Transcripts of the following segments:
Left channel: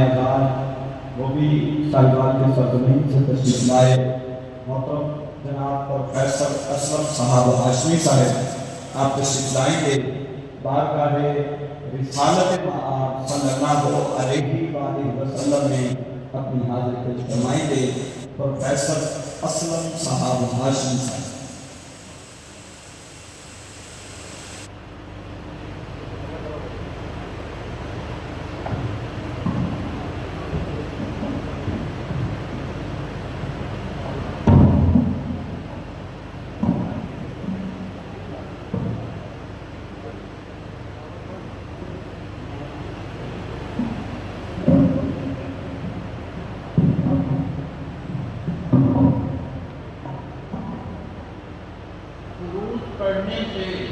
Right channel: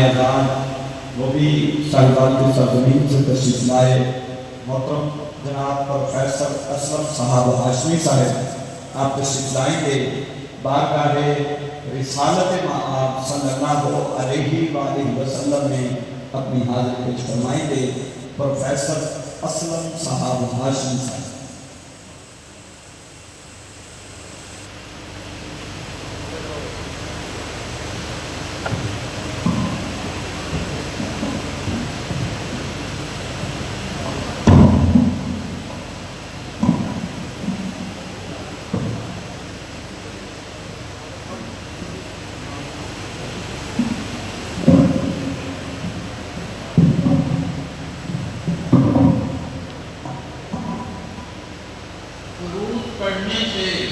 اذان وہ بھی صاحبان کی سرزمین سے تشریف لائے۔ محترم جناب پروفیسر اسلم صاحب ہاشمی صاحب آپ تشریف لائیں گے، بارگاہ رسالت مآب صلی اللہ علیہ وآلہ وسلم میں اپنی حاضری پیش فرمائیں گے۔ پروفیسر اسلم صاحب ہاشمی صاحب۔ پڑھنے سے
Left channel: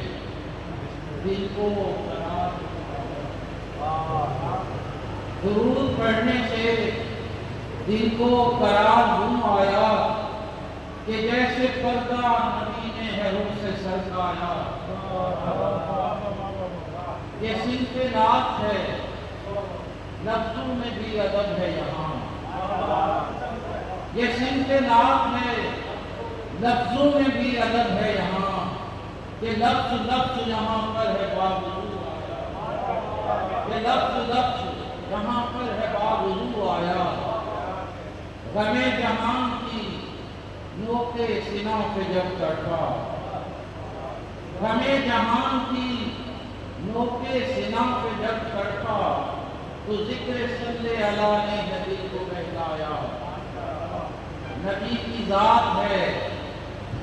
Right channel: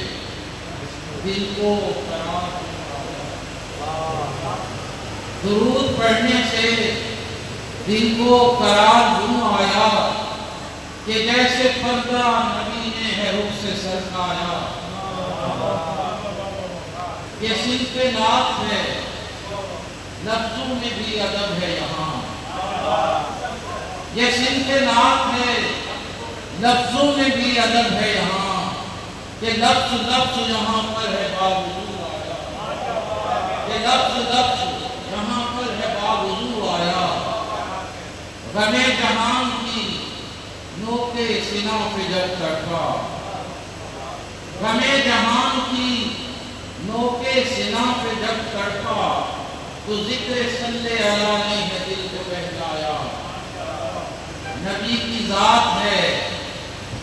دل کو قرار، درود پڑھنے سے دل کو قرار یوں آیا کہ جیسے پردہ نبی نے ہے رخ سے سرکایا۔ یہ صنف نعت ہے، لفظوں میں بھی ادب ہے یہاں۔ یہ صنف نعت ہے، لفظوں میں بھی ادب ہے یہاں، کہ لفظ لفظ یہاں پر ہے باوضو آیا، کہ لفظ لفظ یہاں پر ہے باوضو آیا۔ غم جہان کی نوک سینہ پہ جب تڑپا، غم جہان کی نوک سینہ پہ جب تڑپا، تو ذکر صلی اللہ نے دل کو بہلایا۔ نبی کی ذات ہے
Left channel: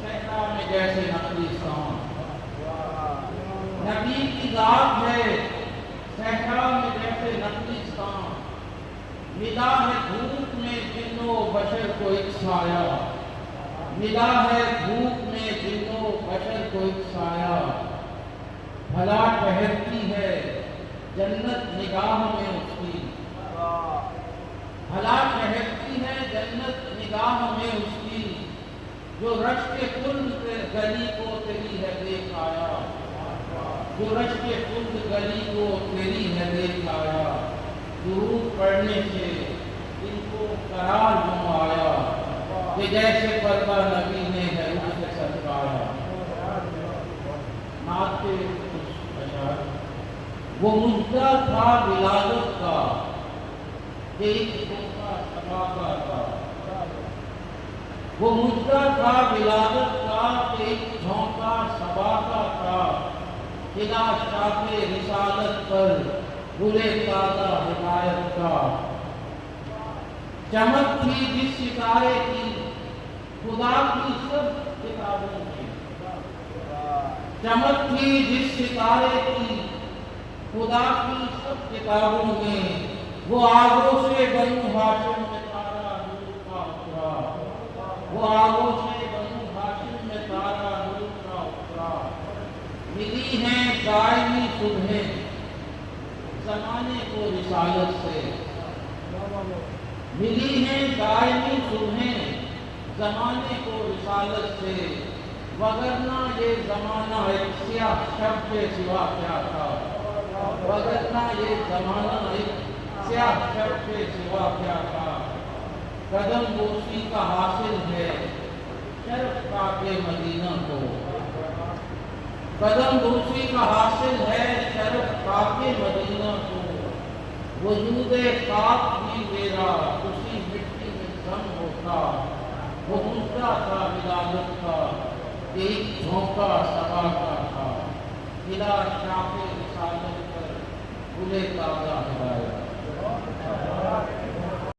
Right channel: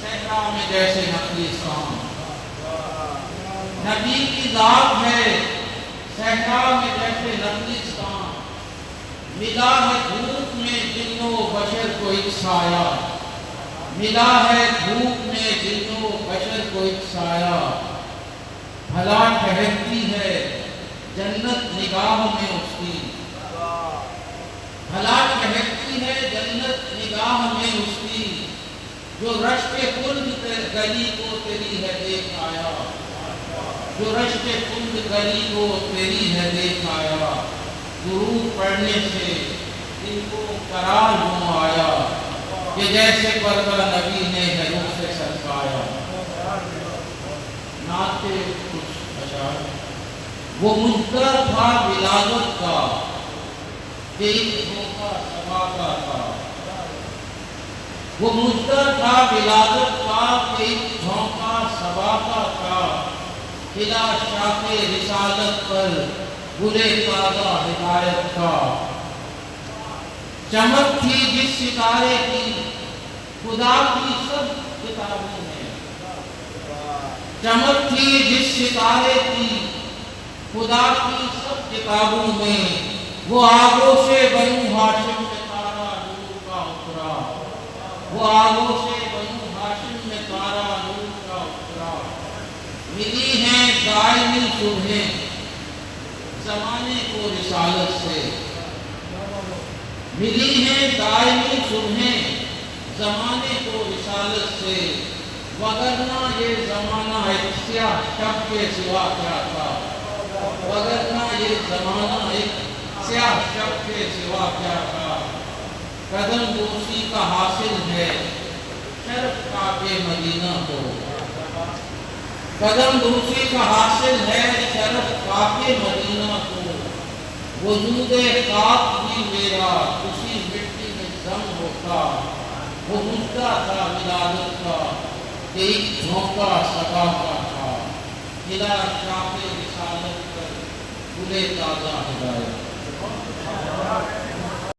صحرا میں جیسے نخلستان، نبی کی ذات ہے صحرا میں جیسے نخلستان، ملا ہے دھوپ میں جن و بشر کو ایک سایہ، ملا ہے دھوپ میں جن و بشر کو ایک سایہ۔ بھلا ٹھہرتی ہے جنت نگاہ میں اس کی، بھلا ٹھہرتی ہے جنت نگاہ میں اس کی، جو رشک کند گلی کو تیری ہے دیکھ آیا، جو رشک کند گلی کو تیری ہے دیکھ آیا۔ درود پڑھنے سے دل کو قرار یوں آیا کہ جیسے پردہ نبی نے ہے رخ سے سرکایا۔ نعت کچھ اشعار۔ وہ مجدر تھا ولادت کا کہ ایک دھوکہ صبا کا تھا، وہ مجدر تھا ولادت کا کہ ایک جھونکا صبا کا تھا، کھلا شاخ رسالت پر گلے تازہ ہدایت کا۔ چمک تھی جس ستارے کی خدا کی سب کتابوں میں، چمک تھی جس ستارے کی خدا کی سب کتابوں میں، وہ آگوش بنو ہاشم میں تارا نور کا اترا، وہ آگوش بنو ہاشم میں تارا نور کا اترا۔ ملی ہیں دائمی صبحیں زمانے کو رسالت سے، ملی ہیں دائمی صبحیں زمانے کو رسالت سے، وگرنہ یہ زمانہ ایک سیاہ شب کے سوا کیا تھا، وگرنہ یہ زمانہ ایک سیاہ شب کے سوا کیا تھا۔ قدم بوسی کا حاصل ہے شرف کعبے مدینہ کو، قدم بوسی کا حاصل ہے شرف کعبے مدینہ کو، وجود خاک بھی میرا اسی مٹی میں ضم ہوتا، وہ مجدہ تھا ولادت کا کہ ایک جھونکا صبا کا تھا، کھلا شاخ رسالت پر گلے تازہ ہدایت۔